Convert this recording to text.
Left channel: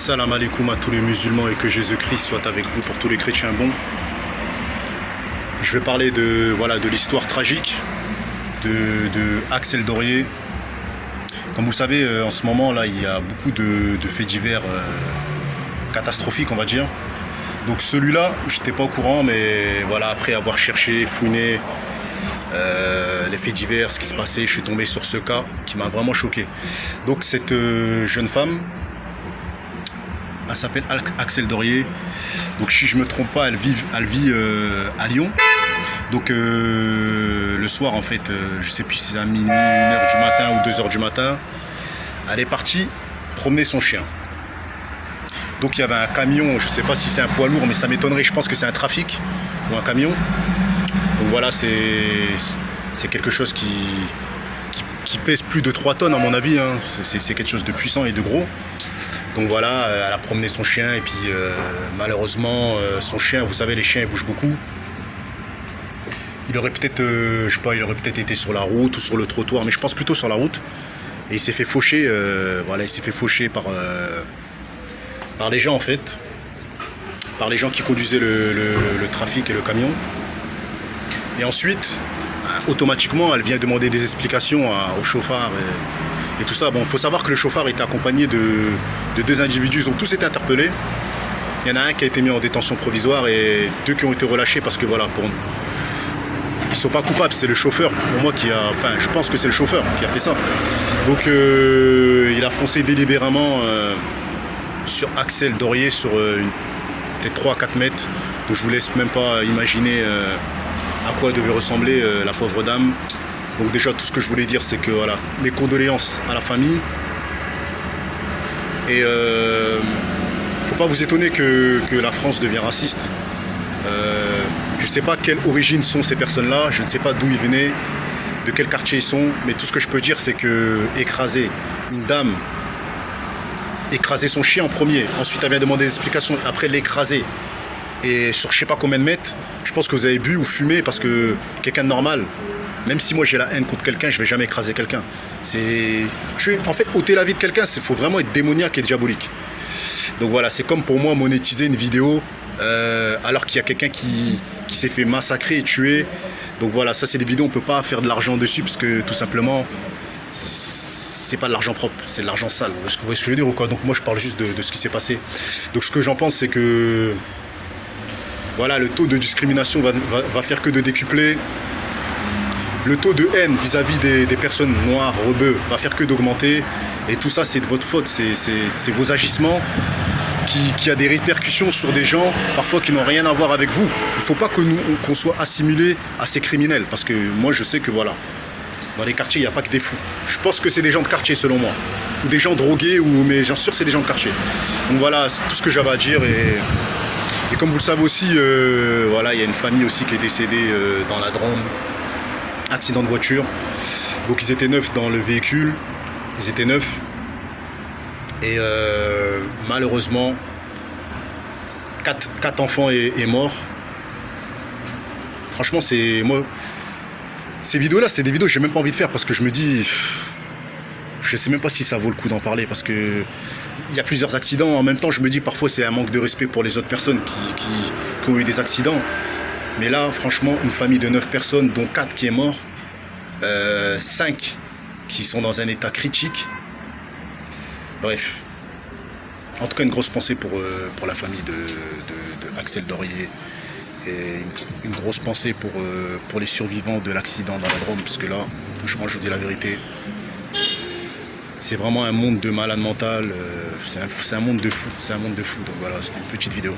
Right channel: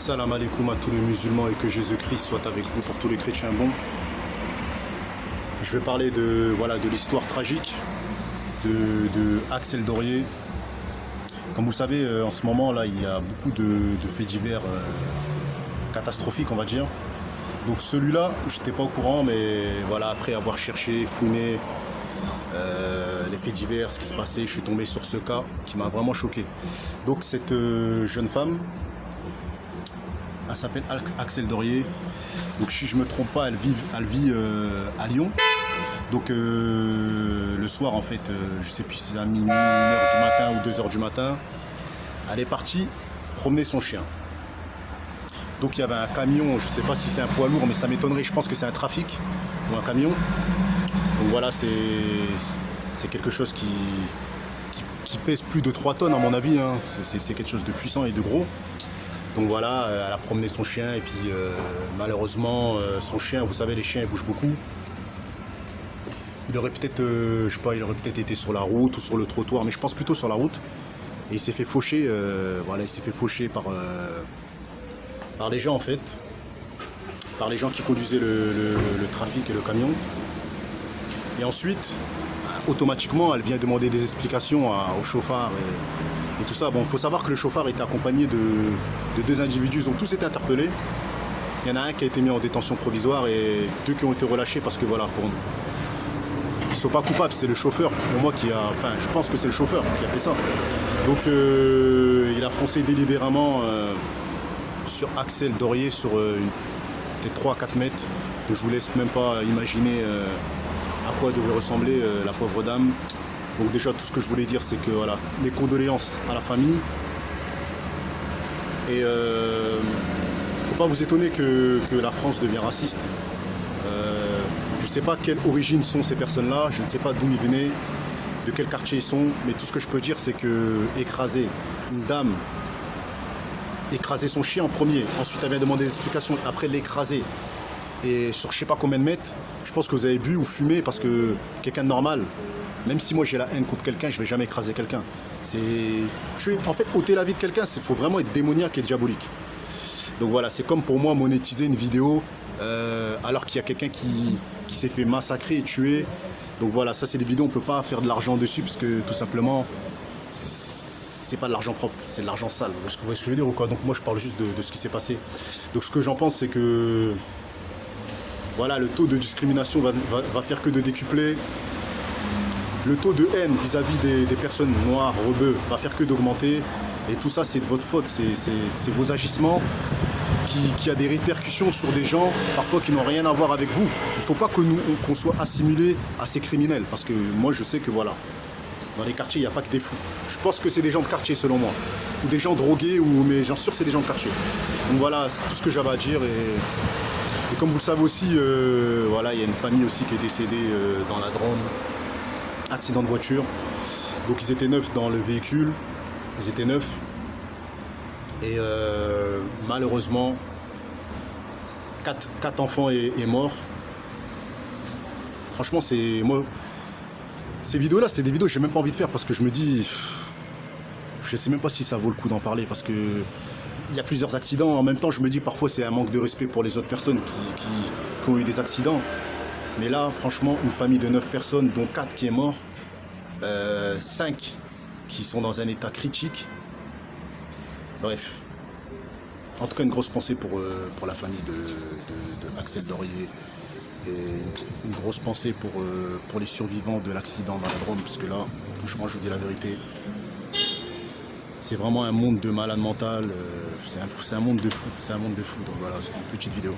Salam alaikum à tous les musulmans et que Jésus-Christ soit avec vous pour tous les chrétiens bons. Je vais parler de l'histoire tragique de Axel Dorier. Comme vous le savez, en ce moment là, il y a beaucoup de faits divers catastrophiques, on va dire. Donc celui-là, j'étais pas au courant, mais voilà, après avoir cherché, fouiné les faits divers, ce qui se passait, je suis tombé sur ce cas qui m'a vraiment choqué. Donc cette jeune femme, elle s'appelle Axel Dorier. Donc si je me trompe pas, elle vit à Lyon. Donc le soir, en fait, je sais plus si c'est à minuit, 1h du matin ou 2h du matin, elle est partie promener son chien. Donc il y avait un camion, je sais pas si c'est un poids lourd, mais ça m'étonnerait, je pense que c'est un trafic ou un camion. Donc voilà, c'est quelque chose qui pèse plus de 3 tonnes à mon avis, hein. C'est quelque chose de puissant et de gros. Donc voilà, elle a promené son chien et puis malheureusement son chien, vous savez, les chiens ils bougent beaucoup. Il aurait peut-être, je sais pas, il aurait peut-être été sur la route ou sur le trottoir, mais je pense plutôt sur la route. Et il s'est fait faucher, voilà, il s'est fait faucher par les gens en fait, par les gens qui conduisaient le trafic et le camion. Et ensuite, automatiquement, elle vient demander des explications au chauffard et tout ça. Bon, il faut savoir que le chauffard était accompagné de 2 individus, ils ont tous été interpellés. Il y en a un qui a été mis en détention provisoire et 2 qui ont été relâchés parce que voilà, ils sont pas coupables, c'est le chauffeur pour moi je pense que c'est le chauffeur qui a fait ça. Donc il a foncé délibérément sur Axel Dorier sur peut-être 3 à 4 mètres. Donc je vous laisse même pas imaginer à quoi devait ressembler la pauvre dame. Donc déjà tout ce que je voulais dire c'est que voilà, mes condoléances à la famille. Et faut pas vous étonner que la France devient raciste. Je ne sais pas quelle origine sont ces personnes-là, je ne sais pas d'où ils venaient, de quel quartier ils sont, mais tout ce que je peux dire c'est que écraser une dame, écraser son chien en premier, ensuite elle vient demander des explications, après l'écraser, et sur je sais pas combien de mètres, je pense que vous avez bu ou fumé parce que quelqu'un de normal, même si moi j'ai la haine contre quelqu'un, je vais jamais écraser quelqu'un. En fait, ôter la vie de quelqu'un, il faut vraiment être démoniaque et diabolique. Donc voilà, c'est comme pour moi monétiser une vidéo alors qu'il y a quelqu'un qui s'est fait massacrer et tuer. Donc voilà, ça c'est des vidéos, on peut pas faire de l'argent dessus parce que tout simplement c'est pas de l'argent propre, c'est de l'argent sale. Vous voyez ce que je veux dire ou quoi? Donc moi je parle juste de ce qui s'est passé. Donc ce que j'en pense c'est que voilà, le taux de discrimination va faire que de décupler. Le taux de haine vis-à-vis des personnes noires, rebeux, va faire que d'augmenter. Et tout ça, c'est de votre faute. C'est vos agissements qui a des répercussions sur des gens, parfois qui n'ont rien à voir avec vous. Il ne faut pas que qu'on soit assimilés à ces criminels. Parce que moi, je sais que voilà, dans les quartiers, il n'y a pas que des fous. Je pense que c'est des gens de quartier, selon moi. Ou des gens drogués, mais j'en suis sûr que c'est des gens de quartier. Donc voilà, c'est tout ce que j'avais à dire. Et comme vous le savez aussi, voilà, il y a une famille aussi qui est décédée dans la Drôme. Accident de voiture. Donc ils étaient 9 dans le véhicule. Ils étaient 9. Et malheureusement, 4 enfants est mort. Franchement, moi, ces vidéos-là, c'est des vidéos que j'ai même pas envie de faire parce que je me dis, je sais même pas si ça vaut le coup d'en parler parce que il y a plusieurs accidents. En même temps, je me dis parfois c'est un manque de respect pour les autres personnes qui ont eu des accidents. Mais là, franchement, une famille de 9 personnes, dont 4 qui est mort, 5 qui sont dans un état critique. Bref. En tout cas, une grosse pensée pour la famille de Axel Dorier. Et une grosse pensée pour les survivants de l'accident dans la Drôme. Parce que là, franchement, je vous dis la vérité, c'est vraiment un monde de malade mental. C'est un monde de fou. C'est un monde de fou. Donc voilà, c'était une petite vidéo.